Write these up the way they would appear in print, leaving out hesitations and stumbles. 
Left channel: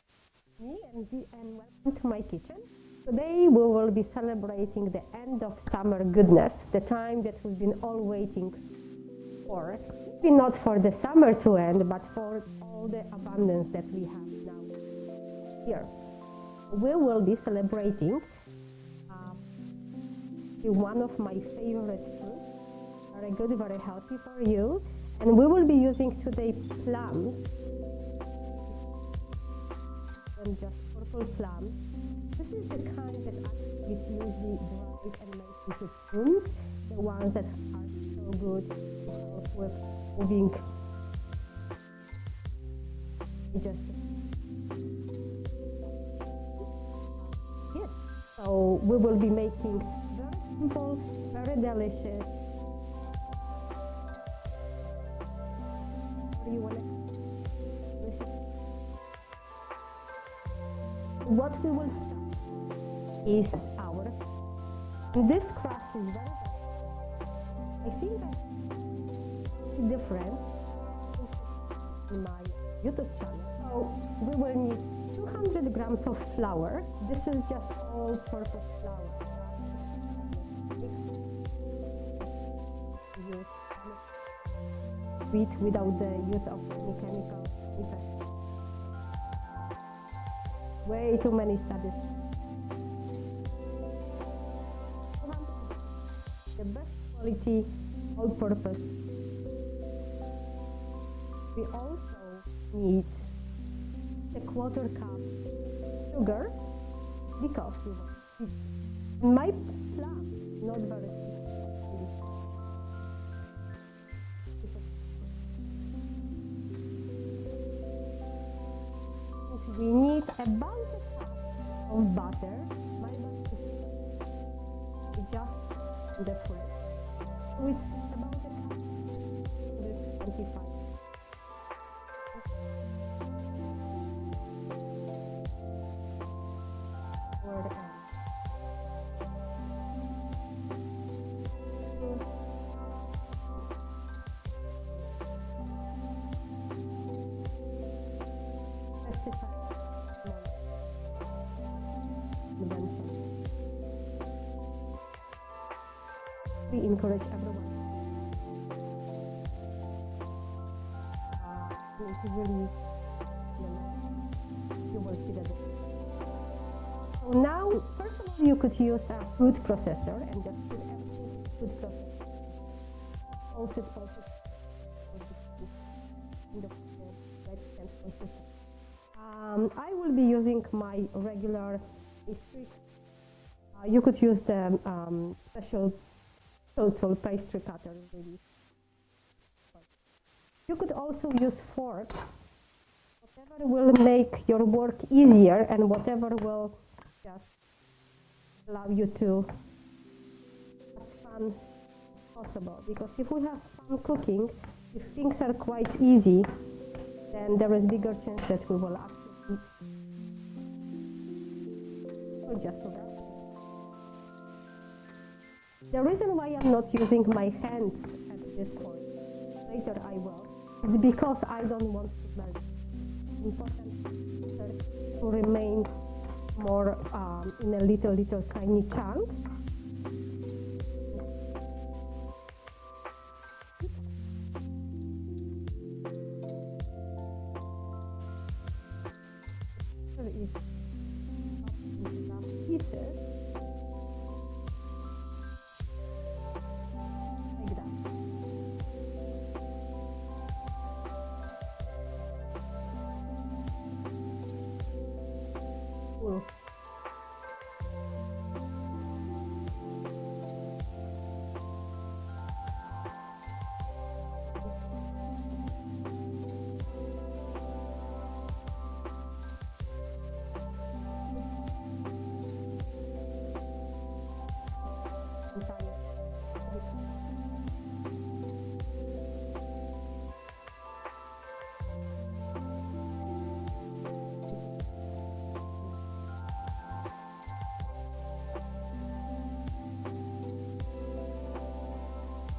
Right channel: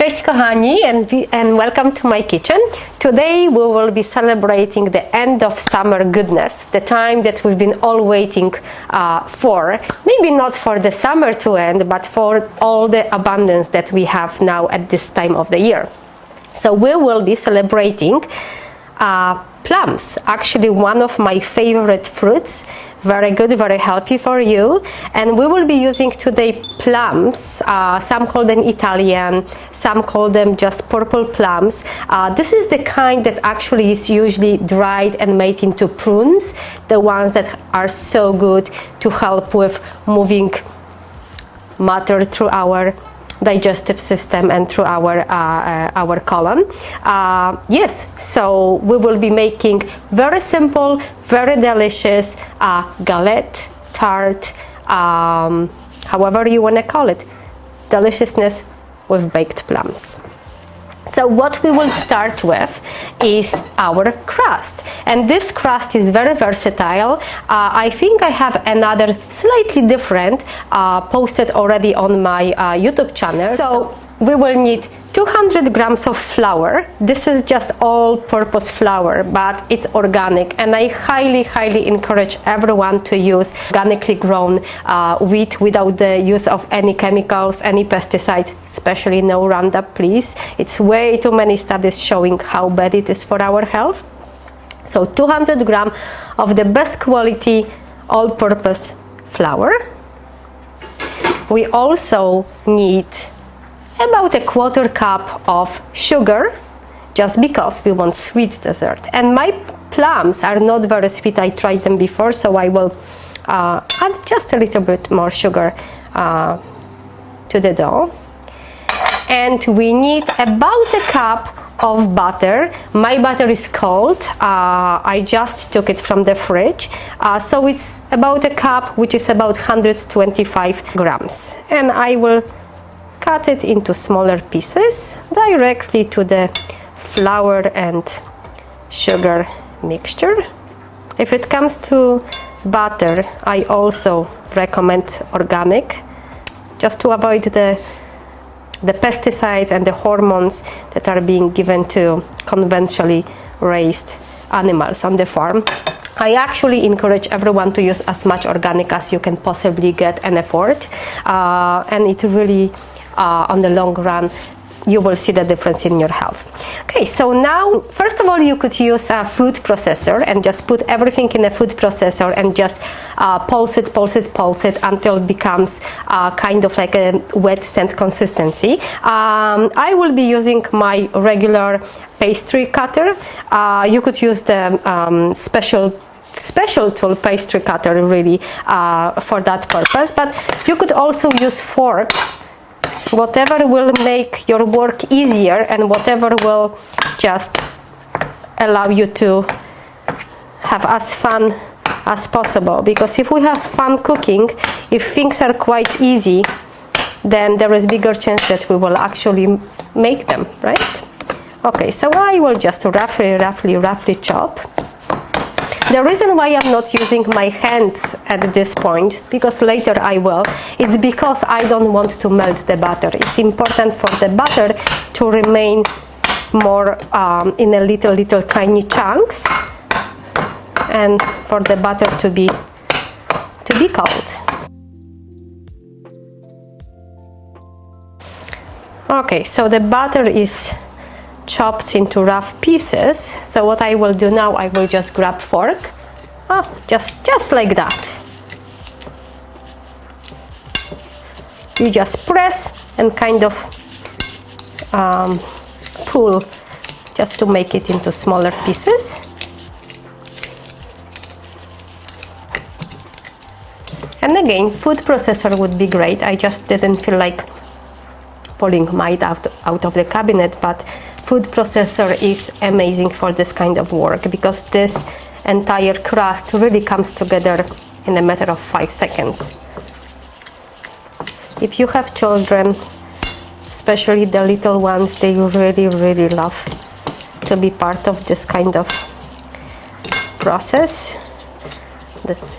Cześć kochani and welcome to my kitchen. Today we will be celebrating the end of summer goodness, the time that we've been all waiting for. Maybe not for the summer to end, but for all the abundance that we have now at this time of the year. So we will be celebrating plums, actually one of my favorite fruits. Very good, very healthy for you. And we will be using today plums. Some call them Italian, some call them just purple plums. This is the kind that actually is usually dried and made into prunes, the ones that are so good to help with moving matter through our digestive system and through our colon. Yes, so we will be making very simple, very delicious galette, tart, however you want to call it, deliciousness with baked plums. So what we will start with is our crust, and this crust is very versatile. I think I have another slightly different posted already on my YouTube channel. So we will need 200 grams of flour. This is just all-purpose flour, but it's organic, and I highly encourage everyone to use organically grown wheat without the use of any chemicals, any pesticides, especially no Roundup, please. It's way too many studies showing how bad it is for our health. So 200 grams of the best quality all-purpose flour. We also need about a quarter cup of sugar, just because we want sweet dessert. And my plums are not very sweet. I tried them before, so I will add just a little bit more sugar to the dough. And we need about a cup of butter. My butter is cold. I just took it from the fridge. So it's about a cup, which is about 125 grams. And I will cut it into smaller pieces directly to the flour and sugar mixture. If it comes to butter, I also recommend organic, just to avoid the pesticides and the hormones that are being given to conventionally raised animals on the farm. I actually encourage everyone to use as much organic as you can possibly get and afford, and it really on the long run you will see the difference in your health. Okay, so now first of all you could use a food processor and just put everything in a food processor and just pulse it until it becomes kind of like a wet sand consistency. I will be using my regular pastry cutter. You could use the special tool pastry cutter really for that purpose, but you could also use fork. Whatever will make your work easier and whatever will just allow you to have as fun as possible, because if we have fun cooking, if things are quite easy, then there is bigger chance that we will actually make them, right? Okay, so I will just roughly chop. The reason why I'm not using my hands at this point, because later I will, it's because I don't want to melt the butter. It's important for the butter to remain more in a little tiny chunks, and for the butter to be cold. Okay, so the butter is chopped into rough pieces. So what I will do now, I will just grab fork, just like that. You just press and kind of pull just to make it into smaller pieces. And again, food processor would be great. I just didn't feel like pulling mine out of the cabinet, but food processor is amazing for this kind of work, because this entire crust really comes together in a matter of 5 seconds. If you have children, especially the little ones, they really love to be part of this kind of process.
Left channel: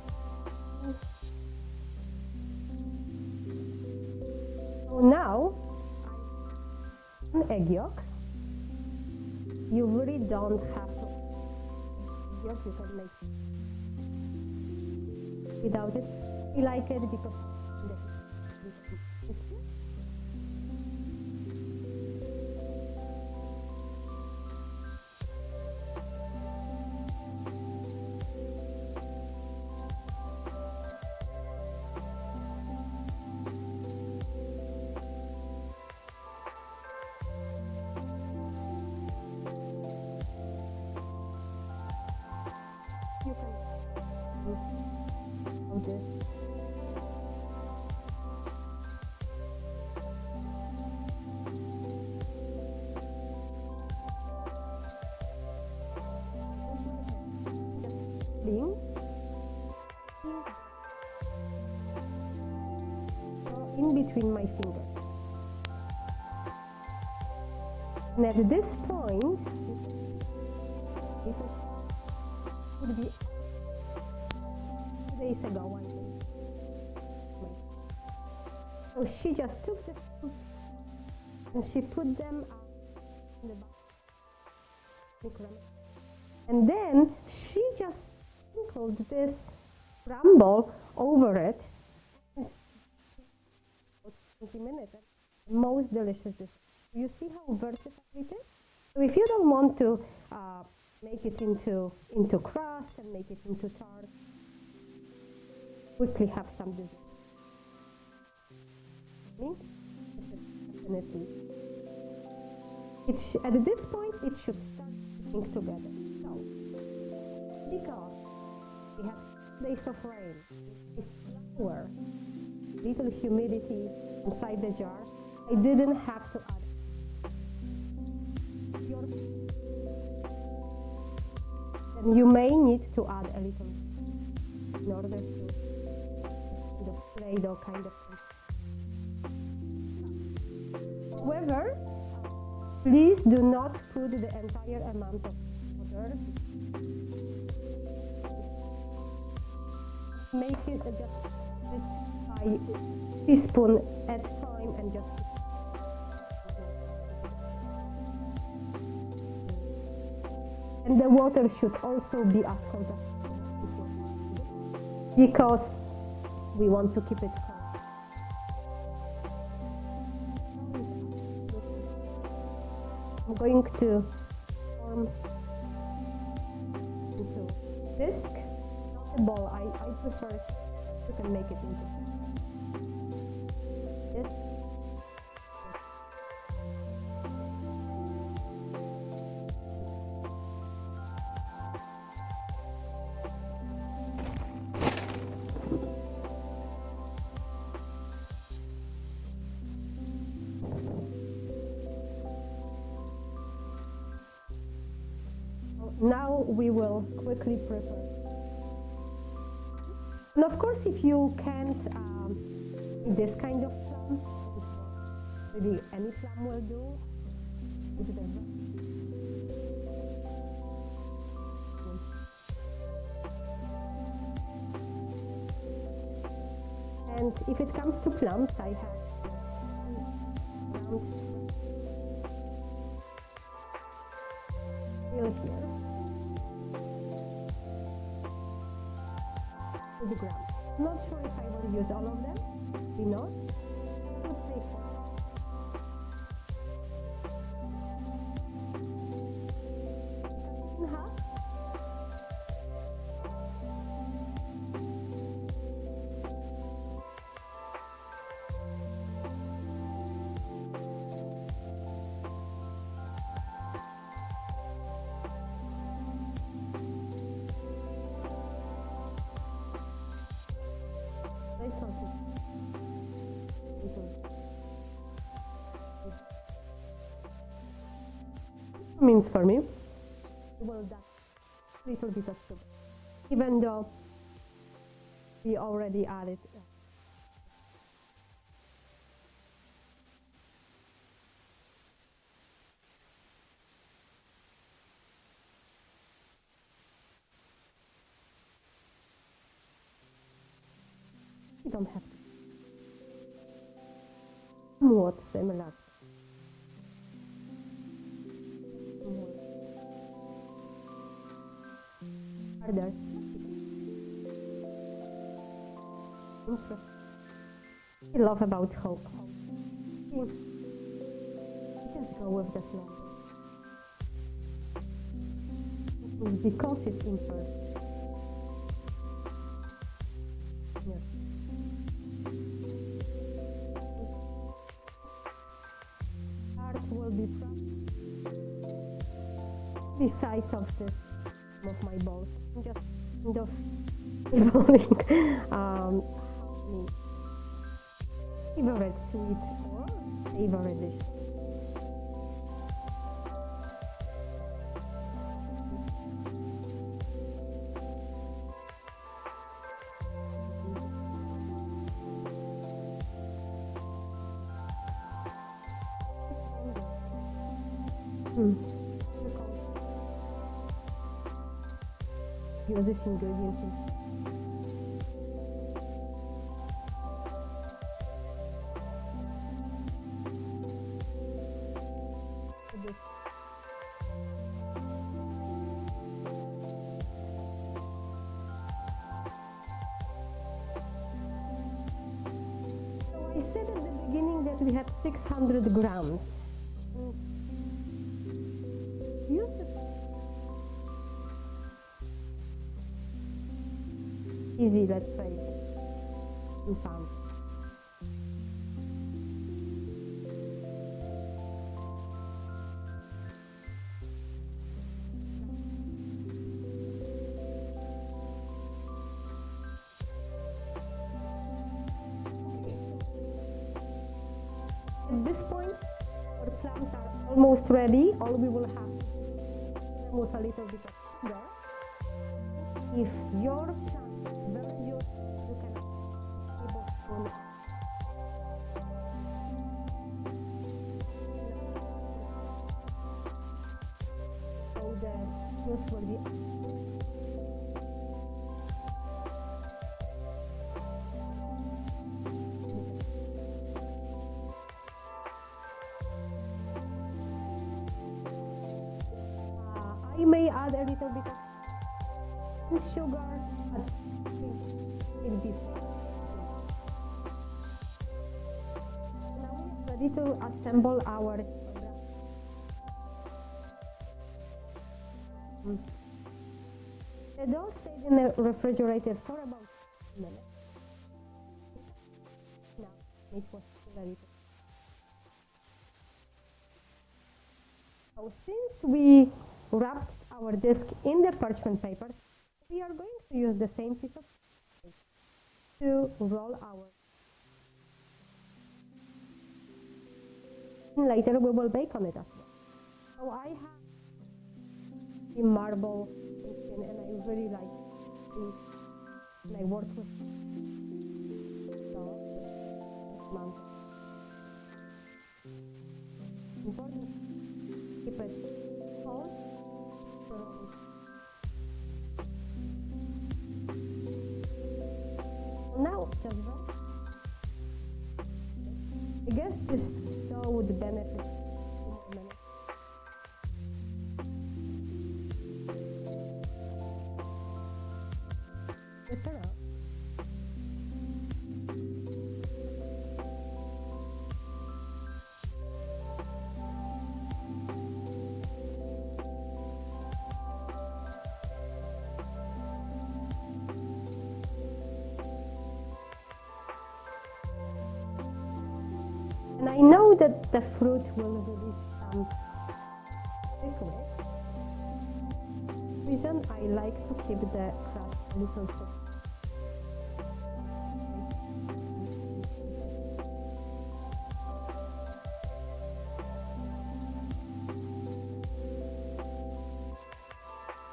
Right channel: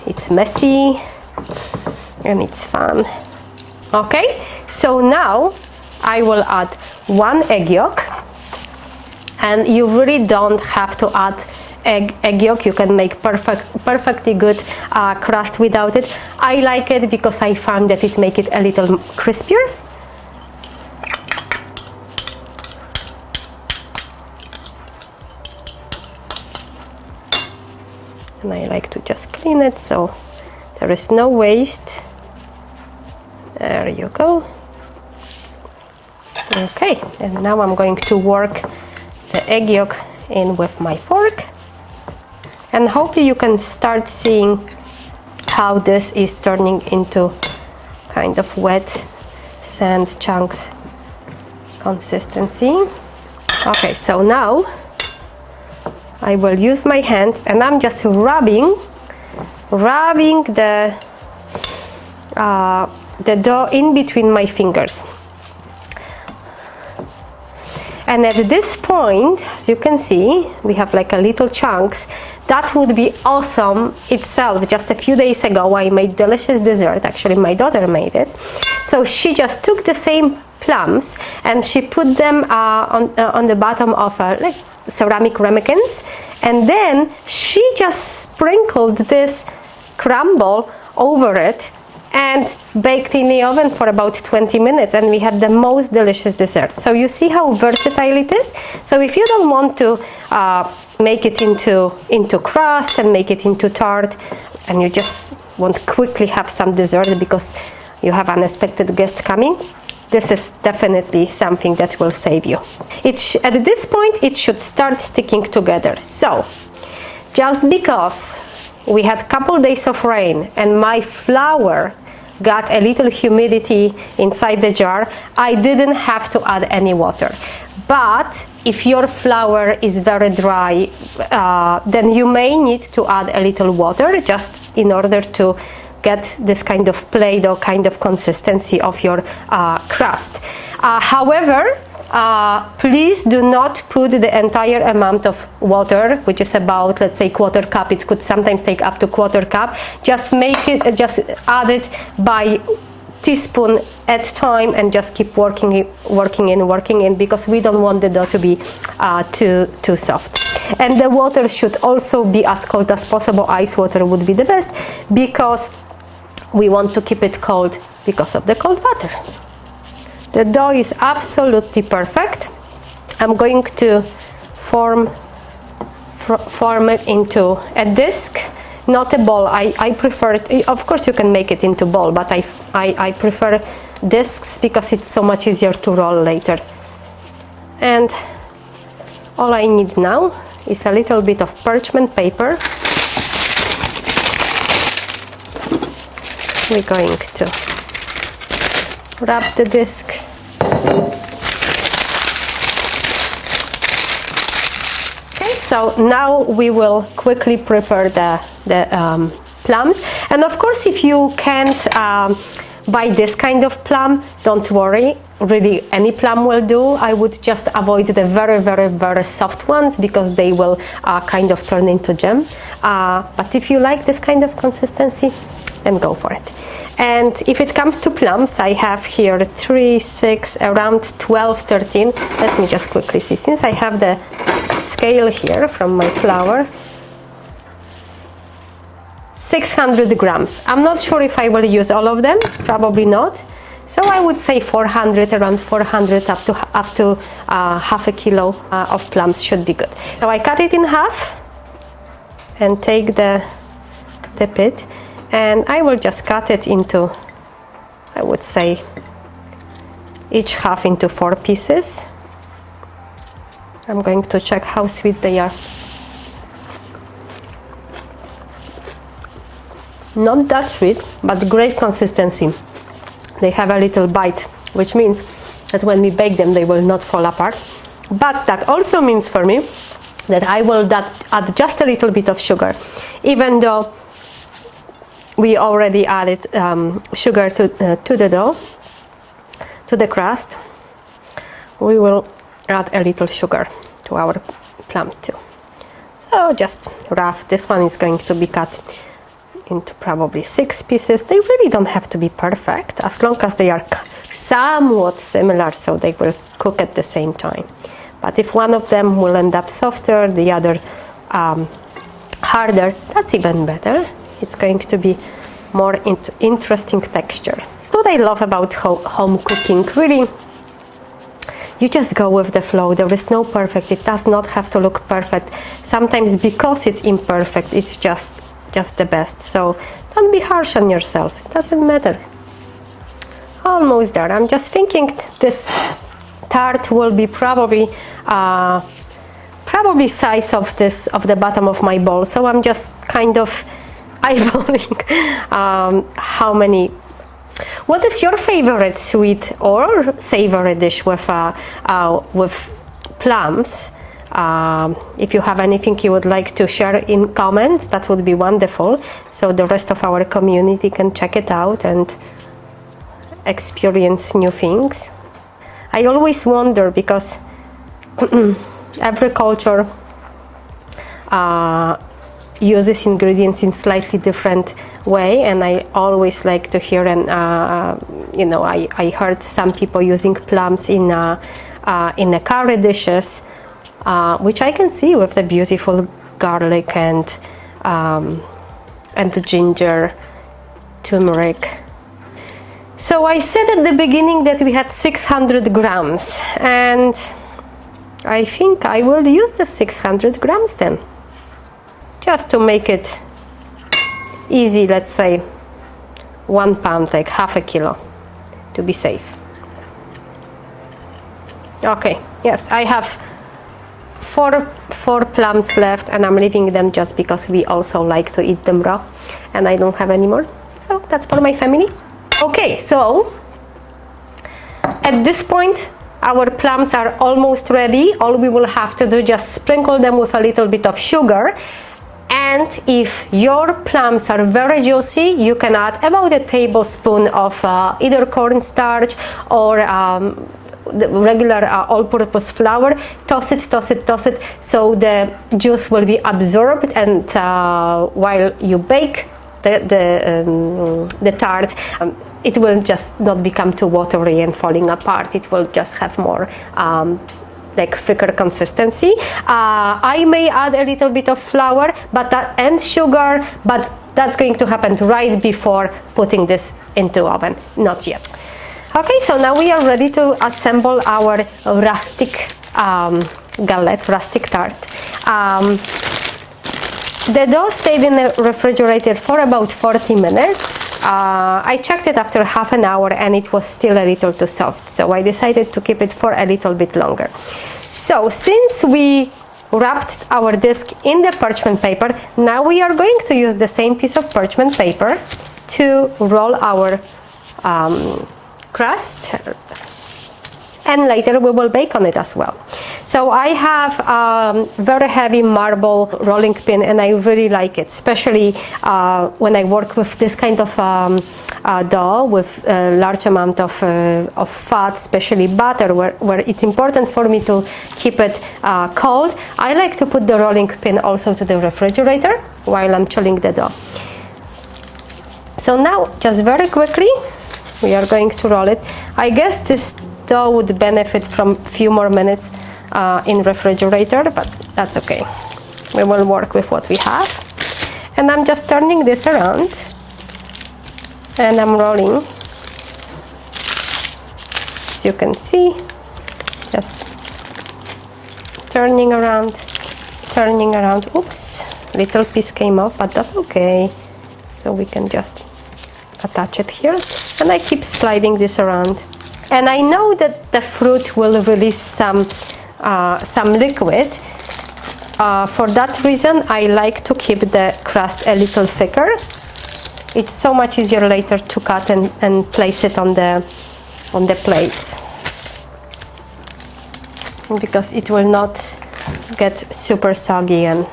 It's messy and it's fun. Okay, so now I will add 1 egg yolk. And you really don't have to add egg yolk. You can make perfectly good crust without it. I like it because I found that it makes it a little crispier. And I like to just clean it so there is no waste. There you go. Okay, and now I'm going to work the egg yolk in with my fork. And hopefully you can start seeing how this is turning into kind of wet sand chunks consistency. Okay, so now I will use my hand and I'm just rubbing the dough in between my fingers. And at this point, as you can see, we have like a little chunks. That would be awesome itself. Just a few days ago, I made delicious dessert. Actually, my daughter made it. So she just took the same plums and she put them on the bottom of like ceramic ramekins. And then she just sprinkled this crumble over it and baked in the oven for about 20 minutes, and we had the most delicious dessert. So you see how versatile it is. So if you don't want to make it into crust and make it into tart, and you just want to quickly have some dessert because you have unexpected guest coming, this is definitely something that will save you. At this point it should start sticking together. So just because we had a couple days of rain and my flour got a little humidity inside the jar, I didn't have to add any water. But if your flour is very dry, then you may need to add a little water just in order to get this kind of Play-Doh kind of consistency of your crust. However, please do not put the entire amount of water, which is about, let's say, quarter cup. It could sometimes take up to quarter cup. Just add it by teaspoon at time and just keep working in, because we don't want the dough to be too soft. And the water should also be as cold as possible. Ice water would be the best because we want to keep it cold because of the cold butter. The dough is absolutely perfect. I'm going to form it into a disc, not a ball. I prefer it. Of course you can make it into ball, but I prefer discs because it's so much easier to roll later. And all I need now is a little bit of parchment paper. We're going to wrap the disc. Okay, so now we will quickly prepare the plums. And of course, if you can't buy this kind of plum, don't worry. Really, any plum will do. I would just avoid the very soft ones because they will kind of turn into jam. But if you like this kind of consistency, then go for it. And if it comes to plums, I have here 3, 6, around 12, 13. Let me just quickly see. Since I have the scale here from my flour, 600 grams. I'm not sure if I will use all of them, probably not. So I would say 400, around 400 up to half a kilo of plums should be good. So I cut it in half and take the pit. And I will just cut it into, I would say, each half into 4 pieces. I'm going to check how sweet they are. Not that sweet, but great consistency. They have a little bite, which means that when we bake them, they will not fall apart. But that also means for me that I will add just a little bit of sugar, even though we already added sugar to the dough, to the crust. We will add a little sugar to our plum too. So just rough. This one is going to be cut into probably 6 pieces. They really don't have to be perfect, as long as they are somewhat similar, so they will cook at the same time. But if one of them will end up softer, the other harder, that's even better. It's going to be more interesting texture. What I love about home cooking, really, you just go with the flow. There is no perfect. It does not have to look perfect. Sometimes because it's imperfect, it's just the best. So don't be harsh on yourself. It doesn't matter. Almost there. I'm just thinking this tart will be probably size of the bottom of my bowl. So I'm just kind of eyeballing how many. What is your favorite sweet or savory dish with plums? If you have anything you would like to share in comments, that would be wonderful. So the rest of our community can check it out and experience new things. I always wonder because every culture uses ingredients in slightly different way, and I always like to hear, and you know, I heard some people using plums in the curry dishes, which I can see with the beautiful garlic and the ginger, turmeric. So I said at the beginning that we had 600 grams, and I think I will use the 600 grams then, just to make it easy. Let's say 1 pound, like half a kilo, to be safe. Okay, yes, I have four plums left, and I'm leaving them just because we also like to eat them raw, and I don't have any more, so that's for my family. Okay, so at this point our plums are almost ready. All we will have to do, just sprinkle them with a little bit of sugar. And if your plums are very juicy, you can add about a tablespoon of either cornstarch or the regular all-purpose flour. Toss it, so the juice will be absorbed, and while you bake the tart, it will just not become too watery and falling apart. It will just have more like thicker consistency. I may add a little bit of flour and sugar, but that's going to happen right before putting this into oven, not yet. Okay, so now we are ready to assemble our rustic galette, rustic tart. The dough stayed in the refrigerator for about 40 minutes. I checked it after half an hour and it was still a little too soft, so I decided to keep it for a little bit longer. So since we wrapped our disc in the parchment paper, now we are going to use the same piece of parchment paper to roll our crust, and later we will bake on it as well. So I have a very heavy marble rolling pin, and I really like it, especially when I work with this kind of dough with a large amount of fat, especially butter, where it's important for me to keep it cold. I like to put the rolling pin also to the refrigerator while I'm chilling the dough. So now, just very quickly, we are going to roll it. I guess this dough would benefit from a few more minutes in refrigerator, but that's okay. We will work with what we have. And I'm just turning this around, and I'm rolling. As you can see, just turning around. Oops, little piece came off, but that's okay. So we can just attach it here, and I keep sliding this around. And I know that the fruit will release some liquid. For that reason, I like to keep the crust a little thicker. It's so much easier later to cut and place it on the plates, because it will not get super soggy and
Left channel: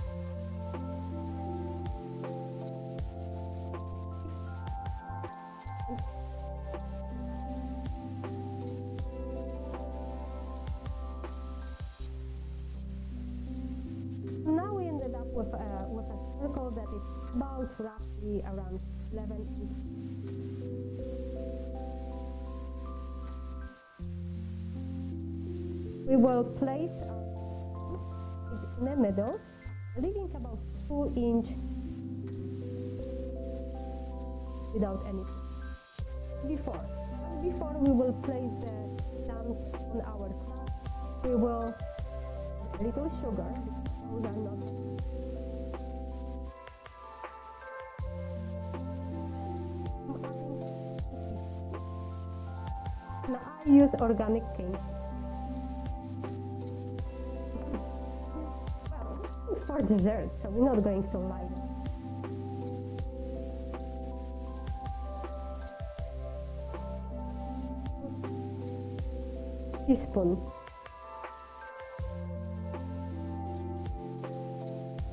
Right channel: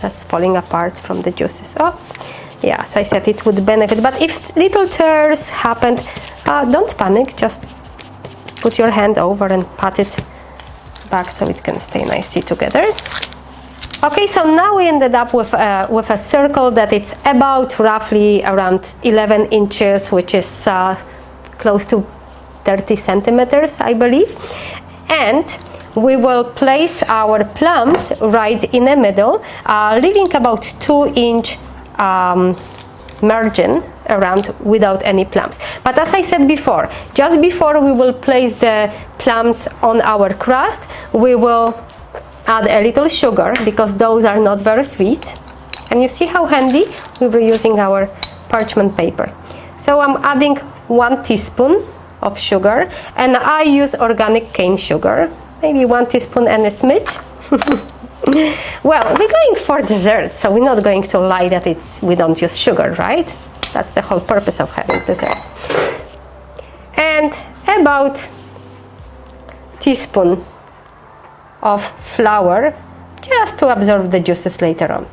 just falling apart from the juices. Oh, yeah, as I said, it would benefit. But if little tears happened, don't panic. Just put your hand over and pat it back so it can stay nicely together. Okay, so now we ended up with a circle that it's about roughly around 11 inches, which is close to 30 centimeters, I believe. And we will place our plums right in the middle, leaving about 2-inch margin around without any plums. But as I said before, just before we will place the plums on our crust, we will add a little sugar because those are not very sweet. And you see how handy we were using our parchment paper. So I'm adding 1 teaspoon of sugar, and I use organic cane sugar, maybe 1 teaspoon and a smidge. Well, we're going for dessert, so we're not going to lie that we don't use sugar, right? That's the whole purpose of having desserts. And about teaspoon of flour, just to absorb the juices later on.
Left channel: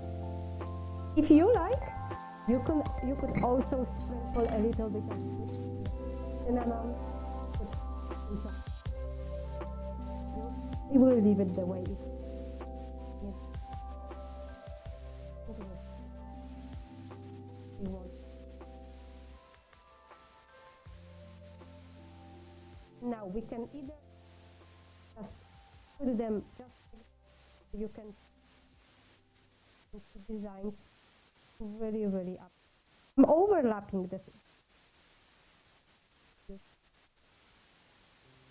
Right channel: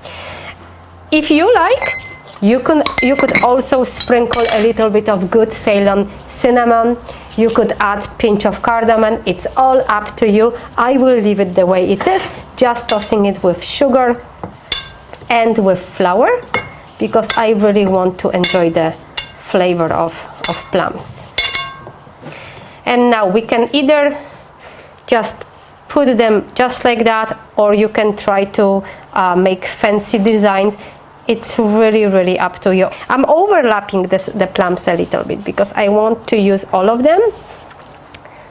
If you like, you could also sprinkle a little bit of good Ceylon cinnamon. You could add a pinch of cardamom. It's all up to you. I will leave it the way it is, just tossing it with sugar and with flour, because I really want to enjoy the flavor of plums. And now we can either just put them just like that, or you can try to make fancy designs. It's really, really up to you. I'm overlapping the plums a little bit because I want to use all of them.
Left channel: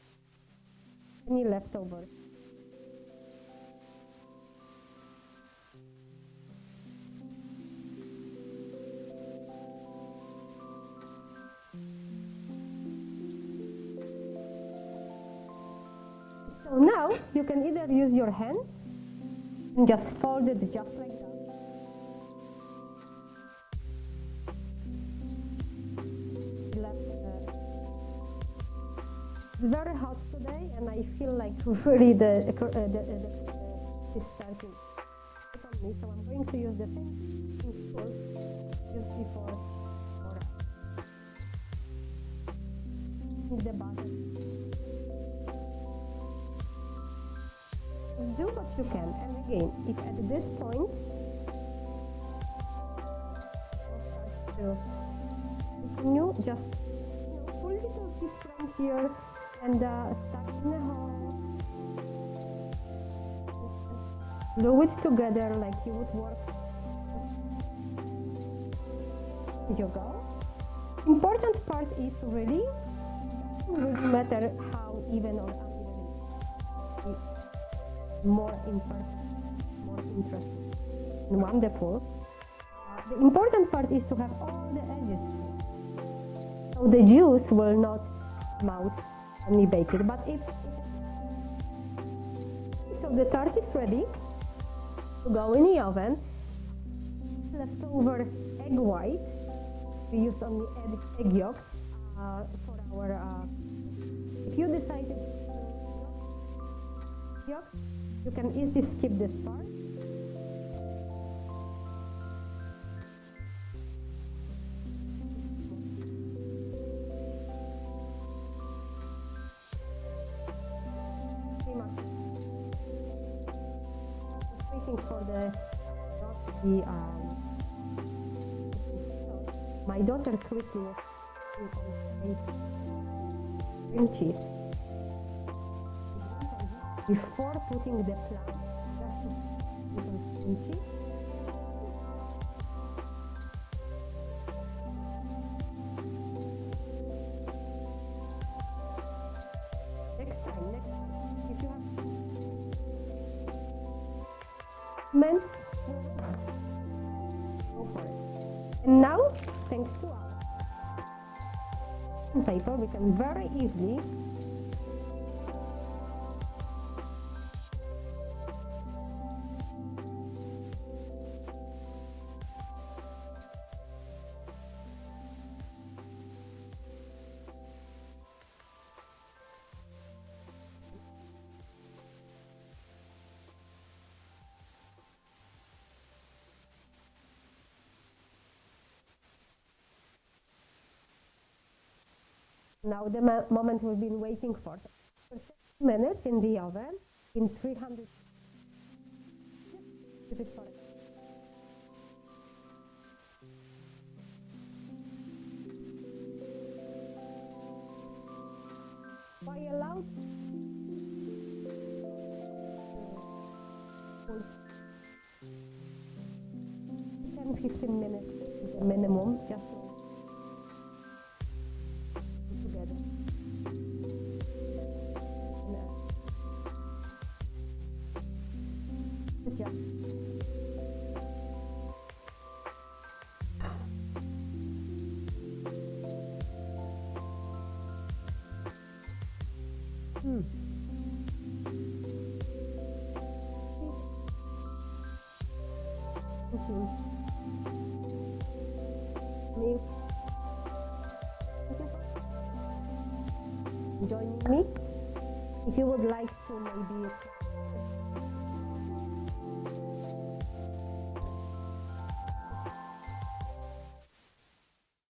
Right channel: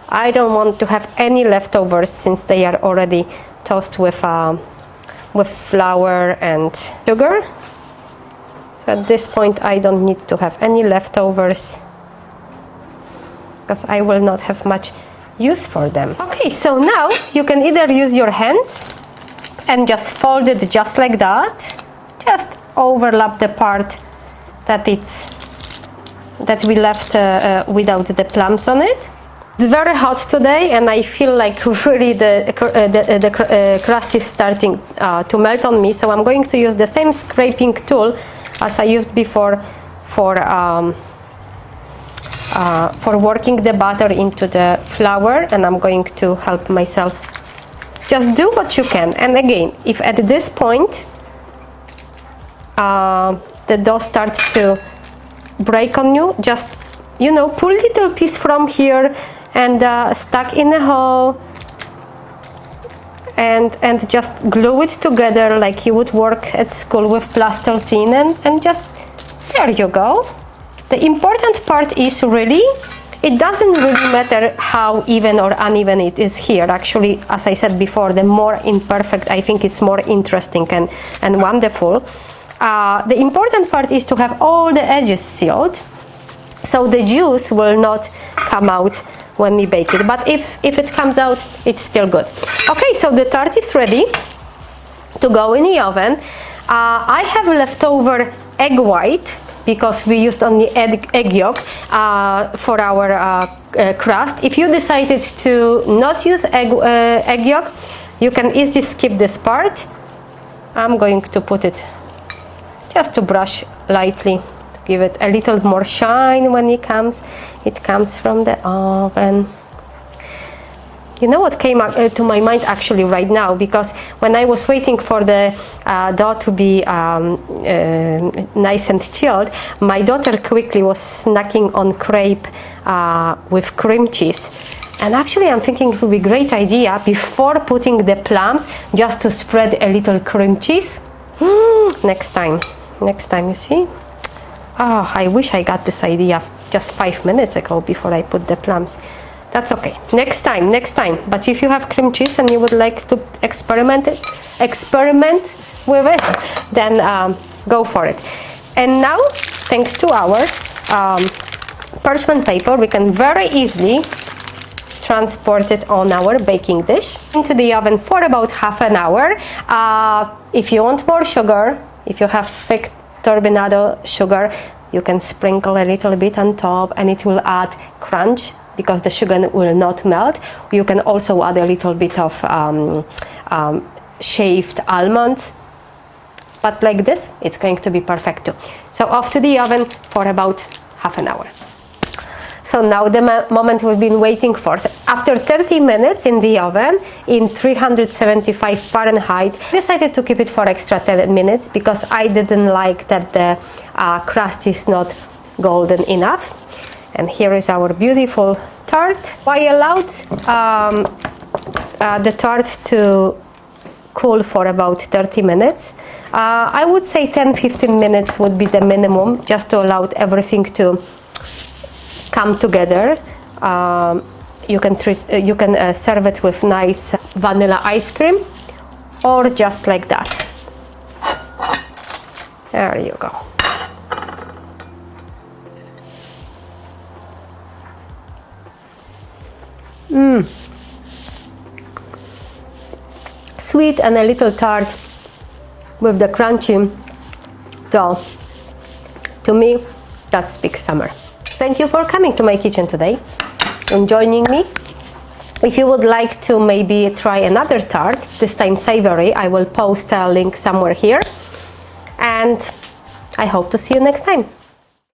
I don't want to have any leftovers since they are already tossed with flour and sugar. So at this point I don't need to have any leftovers because I will not have much use for them. Okay, so now you can either use your hands and just fold it just like that. Just overlap the part that we left without the plums on it. It's very hot today, and I feel like really the crust is starting to melt on me. So I'm going to use the same scraping tool as I used before for working the butter into the flour, and I'm going to help myself. Just do what you can. And again, if at this point the dough starts to break on you, just, pull little piece from here and stuck in a hole and just glue it together like you would work at school with plasticine, and just, there you go. The important part is really, it doesn't really matter how even or uneven it is here. Actually, as I said before, the more imperfect, I think it's more interesting and wonderful. The important part is to have all the edges sealed, so the juice will not come out when we bake it. But if it comes out, it's still good. Okay, so the tart is ready to go in the oven. I have leftover egg white because we used only egg yolk for our crust. If you decided to not use egg yolk, you can easily skip this part. I'm going to put it just to brush lightly, to give it a little more shine when it comes from the oven. You know what came to my mind actually right now, because when I was waiting for the dough to be nice and chilled, my daughter quickly was snacking on crepe with cream cheese. And actually I'm thinking it would be a great idea before putting the plums just to spread a little cream cheese. Next time, you see? Oh, I wish I got this idea just 5 minutes ago before I put the plums. That's okay. Next time. But if you have cream cheese and you would like to experiment with it, then go for it. And now, thanks to our parchment paper, we can very easily transport it on our baking dish into the oven for about half an hour. If you want more sugar, if you have thick turbinado sugar, you can sprinkle a little bit on top and it will add crunch because the sugar will not melt. You can also add a little bit of shaved almonds, but like this it's going to be perfect too. So off to the oven for about half an hour. So now the moment we've been waiting for. So after 30 minutes in the oven in 375 Fahrenheit, I decided to keep it for extra 10 minutes because I didn't like that the crust is not golden enough. And here is our beautiful tart. I allowed the tart to cool for about 30 minutes. I would say 10-15 minutes would be the minimum, just to allow everything to come together. You can serve it with nice vanilla ice cream, or just like that. There you go. Sweet and a little tart with the crunchy dough. To me, that speaks summer. Thank you for coming to my kitchen today and joining me. If you would like to maybe try another tart, this time savory, I will post a link somewhere here. And I hope to see you next time.